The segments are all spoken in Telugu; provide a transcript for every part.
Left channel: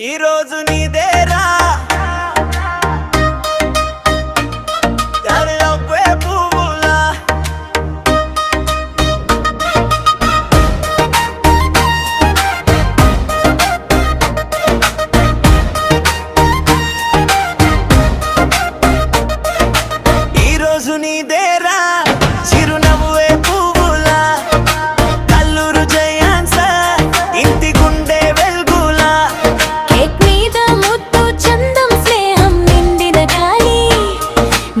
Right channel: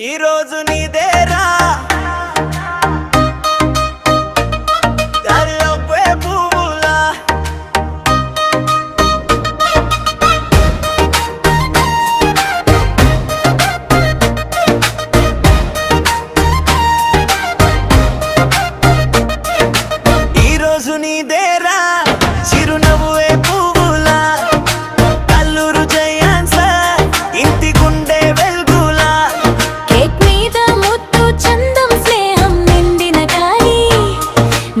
ఈ రోజు నీదేరా దారిలోపే పువ్వులా ఈ రోజు నీదేరా చిరునవ్వే పువ్వులా కల్లూరు జయాన్స ఇంటి గుండె వెల్గులా కేక్ మీద ముద్దు చందం స్నేహం నిండిన గాలి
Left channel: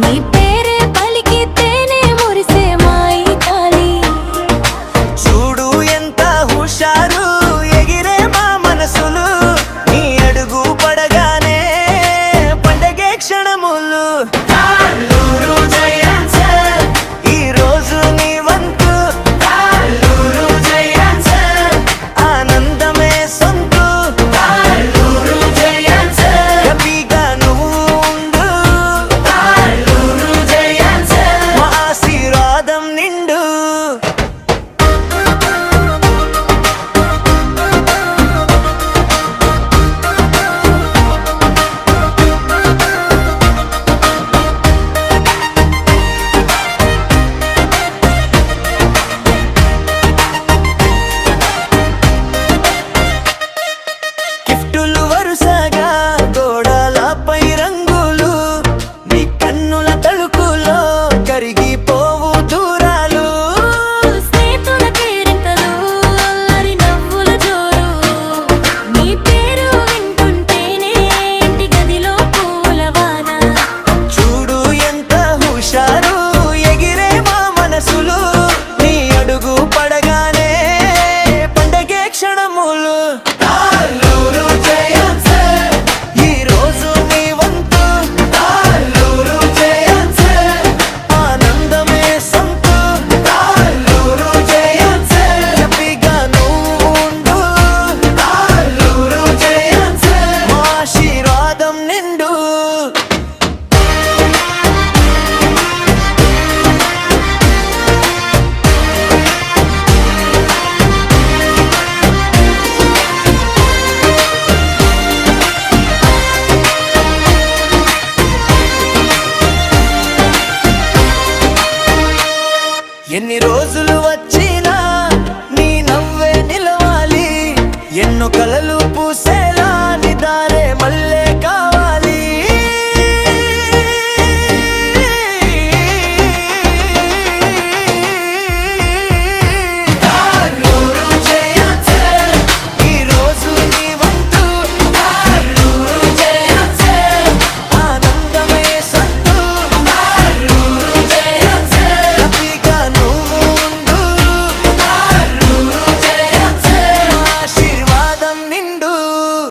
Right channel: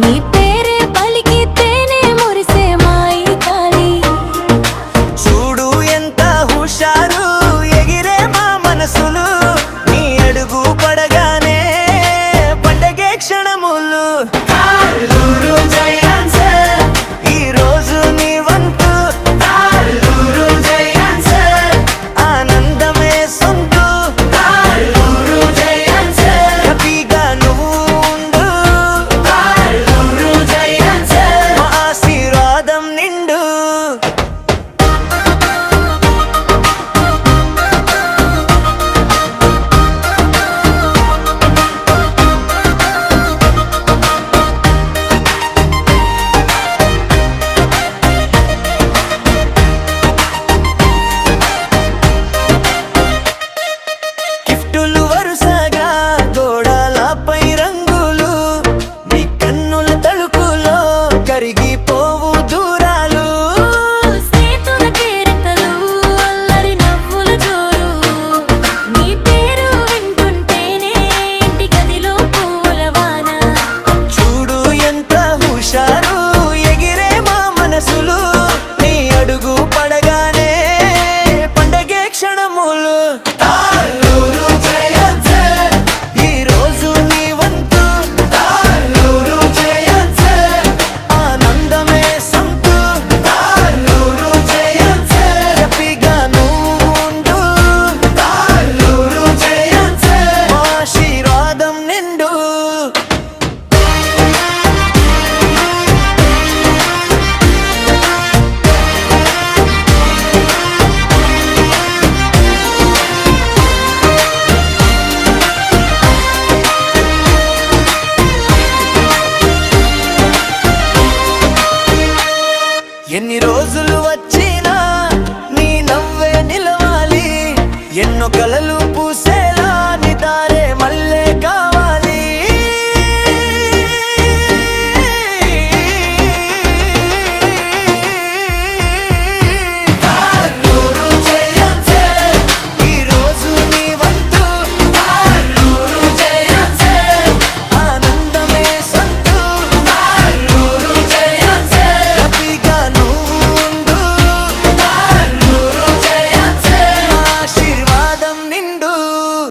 నీ పేరే పలికితేనే మురిసే మాయి కాలి చూడు ఎంత హుషారు ఎగిరే మా మనసులు నీ అడుగు పడగానే పండగే క్షణములు కల్లూరు జయాన్స ఈ రోజు నీ వంతు కల్లూరు జయాన్స ఆనందమే సొంతు కల్లూరు జయాన్స హ్యాపీగా నువ్వు ఉండు కల్లూరు జయాన్స మా ఆశీర్వాదం నిండు గిఫ్టులు వరుసగా గోడలపై రంగులు నీ కన్నుల తళుకులో కరిగిపోవు దూరాలు స్నేహితుల కేరింతలు అల్లరి నవ్వుల జోరు నీ పేరు వింటుంటేనే ఇంటి గదిలో పూల వాన చూడు ఎంత హుషారు ఎగిరే మా మనసులు నీ అడుగు పడగానే పండగే క్షణములు కల్లూరు జయాన్స ఈ రోజు నీ వంతు కల్లూరు జయాన్స ఆనందమే సొంతు కల్లూరు జయాన్స హ్యాపీగా నువ్వు ఉండు కల్లూరు జయాన్స మా ఆశీర్వాదం నిండు ఎన్ని రోజులు వచ్చినా నీ నవ్వే నిలవాలి ఎన్నో కలలు పూసేలా నీ దారే మల్లె కావాలి